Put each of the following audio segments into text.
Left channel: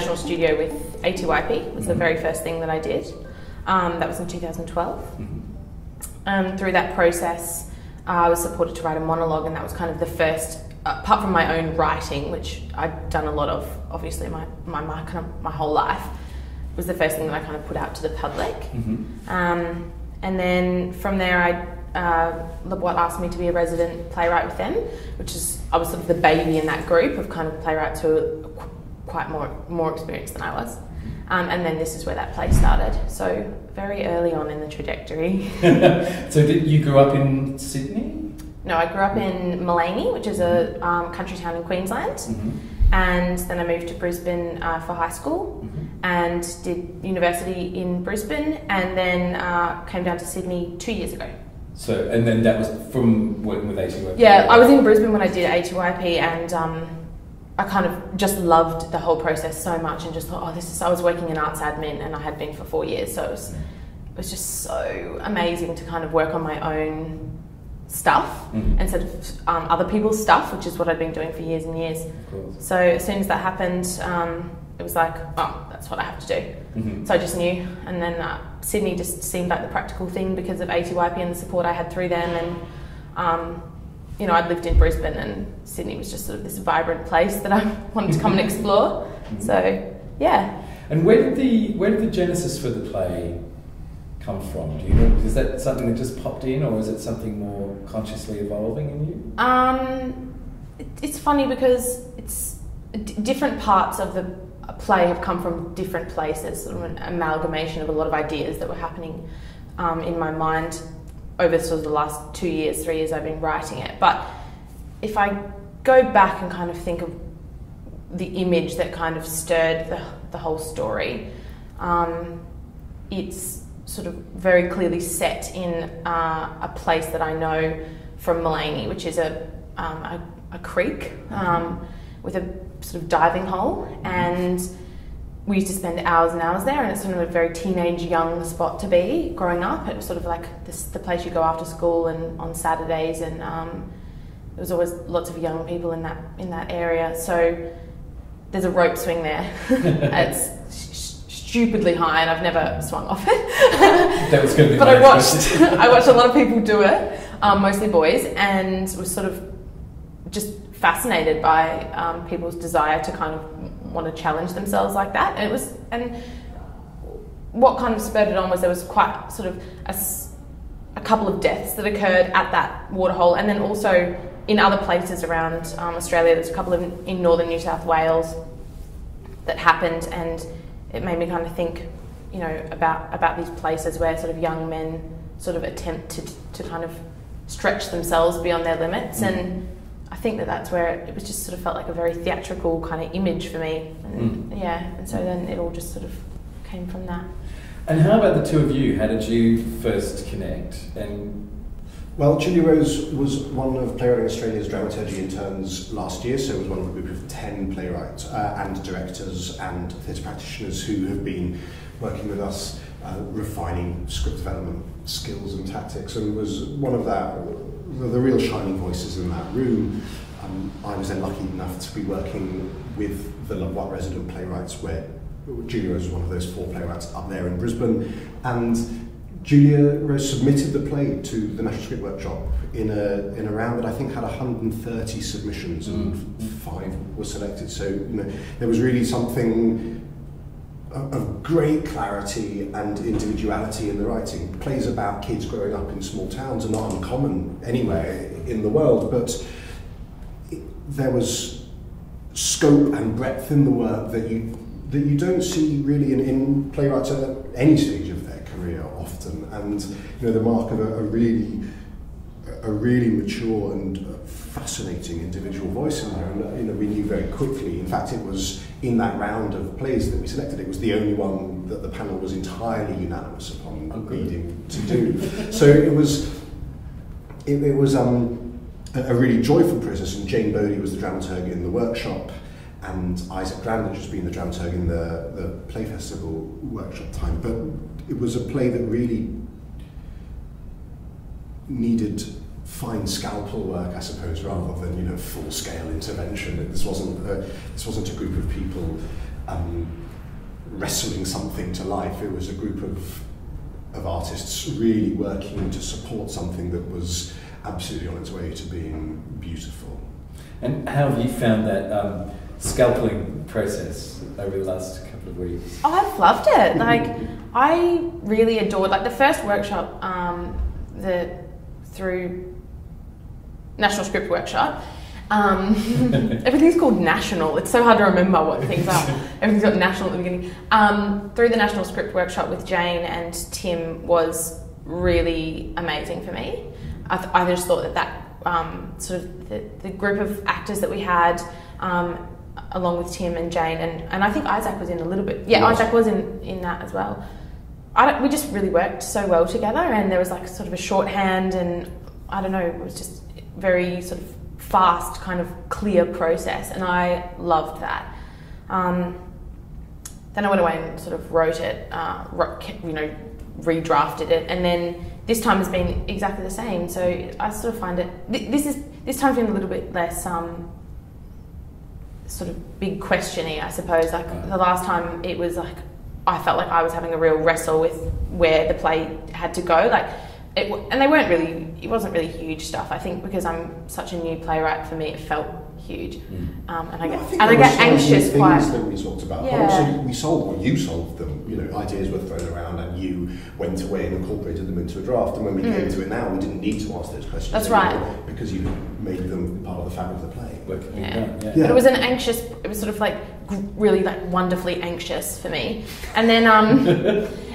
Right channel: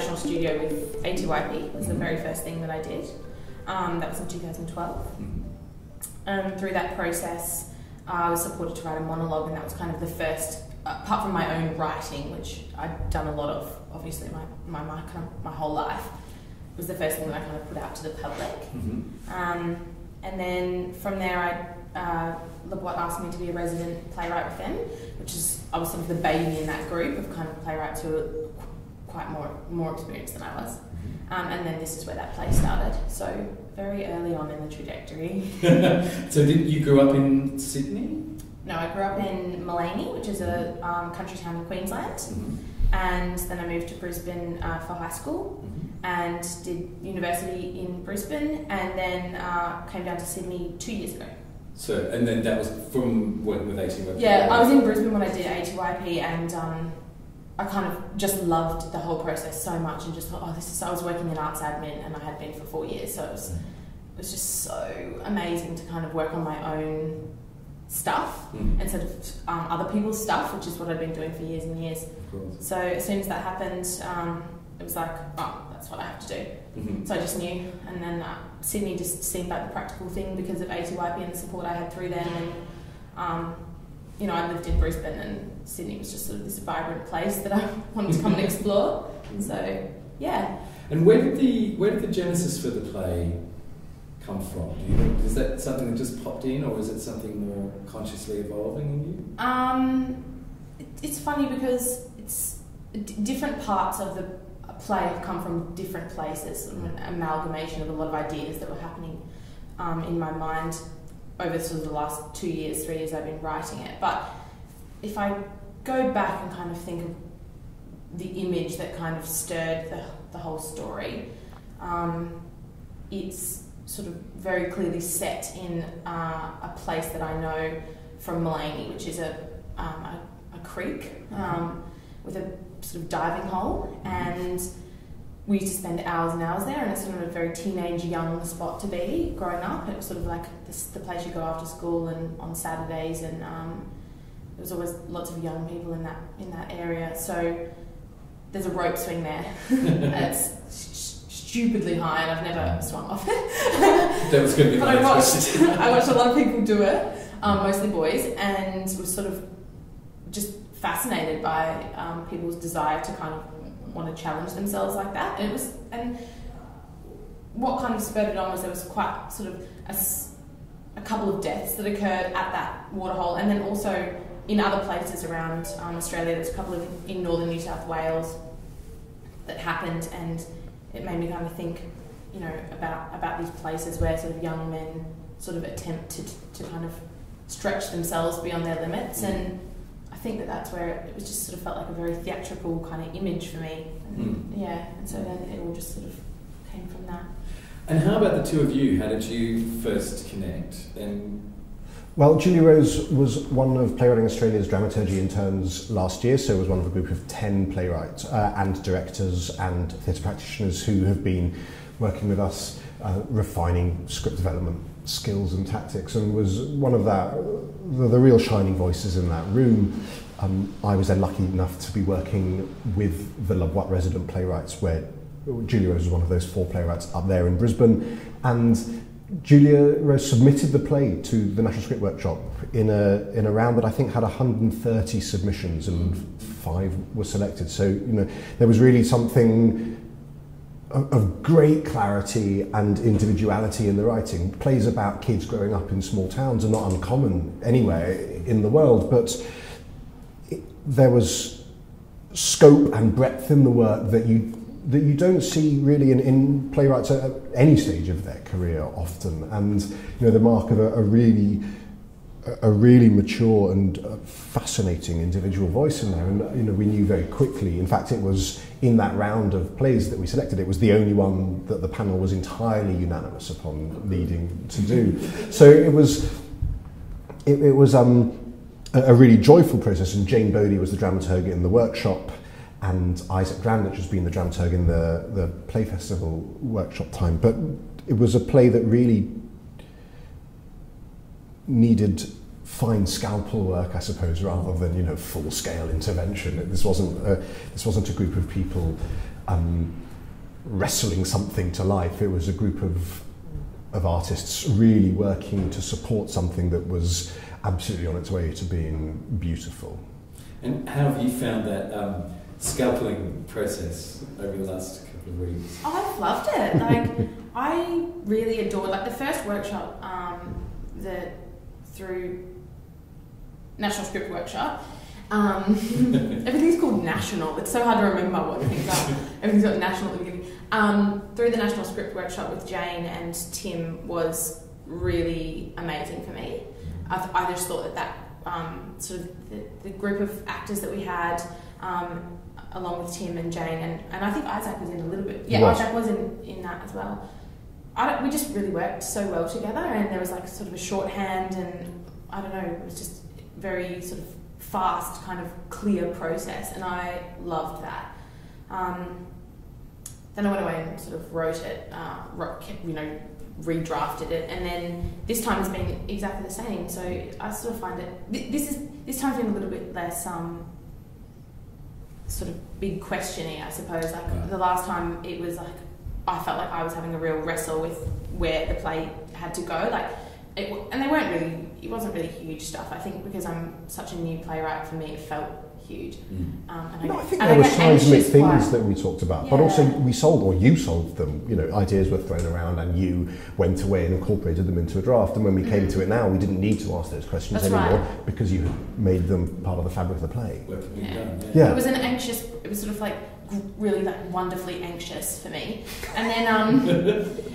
national studio with ATYP was the very first thing that I did. That was in 2012. And through that process, I was supported to write a monologue, and that was kind of the first, apart from my own writing, which I'd done a lot of, obviously, my whole life, was the first thing that I kind of put out to the public. And then from there, Boite asked me to be a resident playwright with them, which is, I was sort of the baby in that group of kind of playwrights who were quite more experienced than I was. And then this is where that play started. So very early on in the trajectory. So you grew up in Sydney? No, I grew up in Maleny, which is a country town in Queensland. And then I moved to Brisbane for high school and did university in Brisbane, and then came down to Sydney 2 years ago. So, and then that was from working with ATYP? Yeah, I was in Brisbane when I did ATYP, and I kind of just loved the whole process so much, and just thought, oh, I was working in arts admin, and I had been for 4 years, so it was just so amazing to kind of work on my own stuff instead of other people's stuff, which is what I'd been doing for years and years. So as soon as that happened, it was like, oh, that's what I have to do. So I just knew, and then Sydney just seemed like the practical thing because of ATYP and the support I had through them, and you know, I'd lived in Brisbane, and Sydney was just sort of this vibrant place that I wanted to come and explore. So yeah. And where did the genesis for the play come from? Do you know? Is that something that just popped in, or is it something more consciously evolving in you? It's funny because different parts of the play have come from different places, sort of an amalgamation of a lot of ideas that were happening in my mind over sort of the last 2 years, 3 years I've been writing it. But if I go back and kind of think of the image that kind of stirred the whole story, it's sort of very clearly set in a place that I know from Maleny, which is a creek with a sort of diving hole, and we used to spend hours and hours there, and it's sort of a very teenage young spot to be growing up. It was sort of like the place you go after school and on Saturdays, and there was always lots of young people in that area. So there's a rope swing there. It's stupidly high, and I've never swung off it. That was going to be but I watched a lot of people do it, mostly boys, and was sort of just fascinated by people's desire to kind of want to challenge themselves like that. And what kind of spurred it on was there was quite sort of a couple of deaths that occurred at that waterhole, and then also in other places around Australia. There's a couple in northern New South Wales that happened, and it made me kind of think, you know, about these places where sort of young men sort of attempt to kind of stretch themselves beyond their limits. And I think that's where it was just sort of felt like a very theatrical kind of image for me. And yeah, and so then it all just sort of came from that. And how about the two of you? How did you first connect? And well, Julia Rose was one of Playwriting Australia's Dramaturgy Interns last year, so was one of a group of 10 playwrights and directors and theatre practitioners who have been working with us, refining script development skills and tactics, and was one of the real shining voices in that room. I was then lucky enough to be working with the Boite resident playwrights, where Julia Rose was one of those 4 playwrights up there in Brisbane, and Julia Rose submitted the play to the National Script Workshop in a round that I think had 130 submissions, and 5 were selected. So, you know, there was really something of great clarity and individuality in the writing. Plays about kids growing up in small towns are not uncommon anywhere in the world, but there was scope and breadth in the work that you don't see really in playwrights at any stage of their career often. And you know, the mark of a really mature and fascinating individual voice in there. And you know, we knew very quickly. In fact, it was in that round of plays that we selected, it was the only one that the panel was entirely unanimous upon leading to do. So it was a really joyful process. And Jane Bodie was the dramaturg in the workshop, and Isaac Grandich has been the dramaturg in the Play Festival workshop time. But it was a play that really needed fine scalpel work, I suppose, rather than, you know, full-scale intervention. This wasn't a group of people wrestling something to life. It was a group of artists really working to support something that was absolutely on its way to being beautiful. And how have you found that scalpelling process over the last couple of weeks? Oh, I've loved it. Like, I really adored, like, the first workshop, through National Script Workshop. Everything's called national. It's so hard to remember what things are. Everything's got national at the beginning. Through the National Script Workshop with Jane and Tim was really amazing for me. I just thought that sort of the group of actors that we had, along with Tim and Jane, and I think Isaac was in a little bit. Yeah, yes. Isaac was in that as well. We just really worked so well together, and there was like sort of a shorthand, and I don't know, it was just very sort of fast, kind of clear process, and I loved that. Then I went away and sort of wrote it, redrafted it, and then this time has been exactly the same. So I sort of find it, this time's been a little bit less sort of big questiony, I suppose. Like the last time, it was like I felt like I was having a real wrestle with where the play had to go. Like, and they weren't really, it wasn't really huge stuff. I think because I'm such a new playwright, for me it felt huge. And I get anxious quite. Things that we talked about, but also we solved, or you solved them. You know, ideas were thrown around, and you went away and incorporated them into a draft. And when we came to it now, we didn't need to ask those questions anymore because you made them part of the fabric of the play. But it was it was sort of like really like wonderfully anxious for me. And then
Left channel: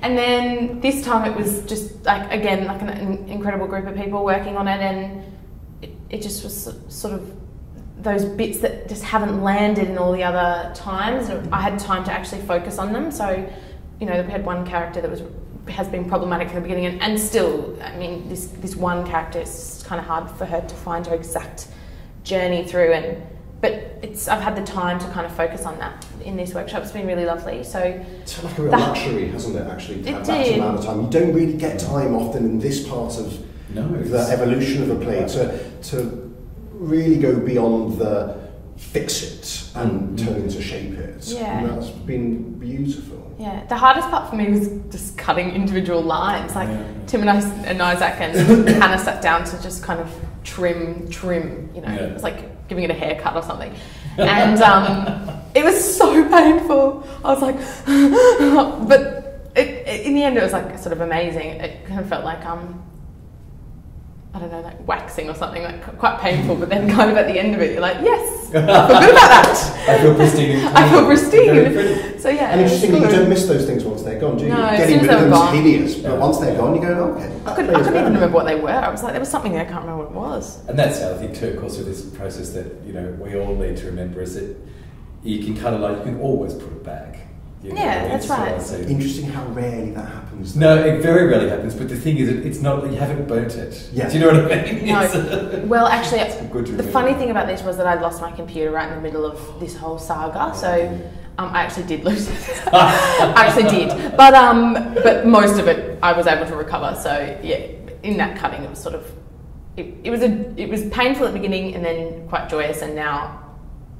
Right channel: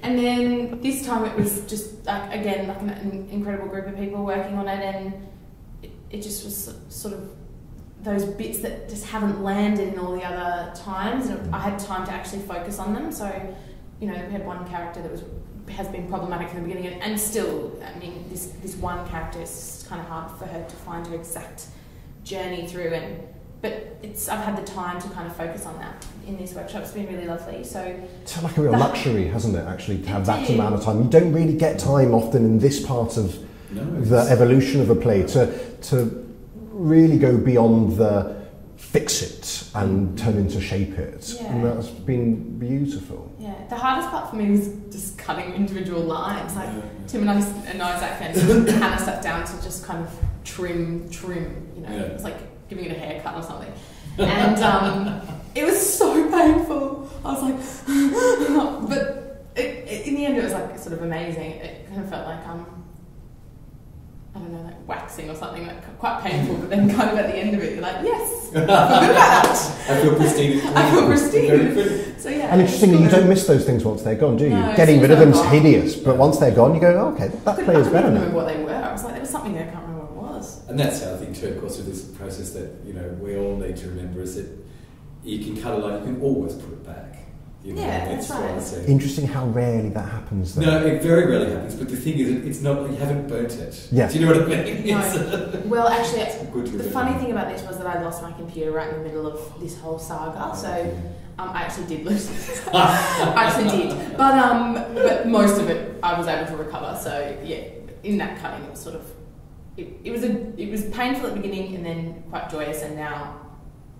and then this time it was just like, again, like an incredible group of people working on it, and it just was sort of those bits that just haven't landed in all the other times. I had time to actually focus on them. So, you know, we had one character that has been problematic from the beginning, and still, I mean, this one character, it's kind of hard for her to find her exact journey through, but I've had the time to kind of focus on that in this workshop. It's been really lovely. So it's like a real luxury, hasn't it, actually, to have that amount of time. You don't really get time often in this part of the evolution of a play to really go beyond the fix it and turn into shape it. Yeah. And that's been beautiful. Yeah, the hardest part for me was just cutting individual lines. Like Tim and Isaac and Hannah sat down to just kind of trim, you know, it's like giving it a haircut or something. And it was so painful. I was like, but in the end it was like sort of amazing. It kind of felt like, I don't know, like waxing or something, like quite painful, but then kind of at the end of it, you're like, yes, I feel good about that. I feel pristine. I feel pristine. So yeah. And interestingly, you don't miss those things once they're gone, do you? No, getting rid of them is hideous, but once they're gone, you go, oh, okay, that I couldn't even remember what they were. I was like, there was something there, I can't remember what it was. And that's the other thing too, of course, with this process that, you know, we all need to remember is that you can cut a line, you can always put it back. You know, that's right. Interesting how rarely that happens. Though. No, it very rarely happens, but the thing is, it's not, you haven't burnt it. Yeah. Do you know what I mean? No. Well, actually, the funny thing about this was that I lost my computer right in the middle of this whole saga, so I actually did lose it. I actually did. But most of it I was able to recover, so yeah, in that cutting it was sort of, it was painful at the beginning and then quite joyous, and now,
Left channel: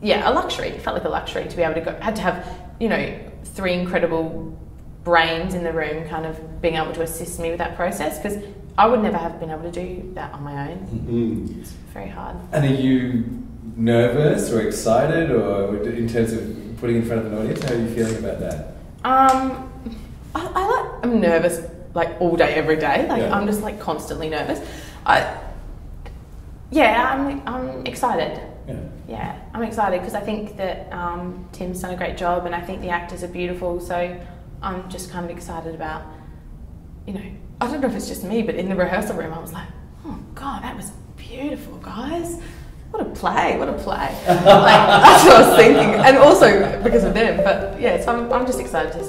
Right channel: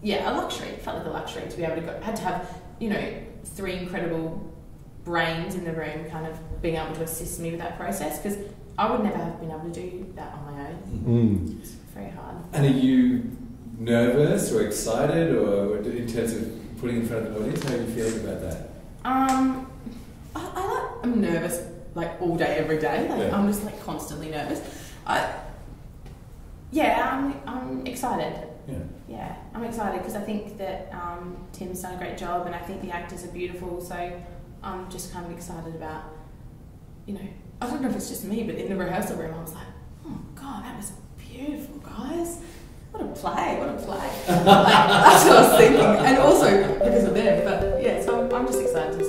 yeah, a luxury. It felt like a luxury to be able to go, had to have, you know, 3 incredible brains in the room kind of being able to assist me with that process, because I would never have been able to do that on my own. It's very hard. And are you nervous or excited, or in terms of putting in front of an audience? How are you feeling about that? I'm nervous like all day, every day. Like I'm just like constantly nervous. I'm excited. Yeah, I'm excited because I think that Tim's done a great job, and I think the actors are beautiful, so I'm just kind of excited about, you know, I don't know if it's just me, but in the rehearsal room I was like, oh God, that was beautiful, guys. What a play. Like, that's what I was thinking. And also because of them, but yeah, so I'm just excited to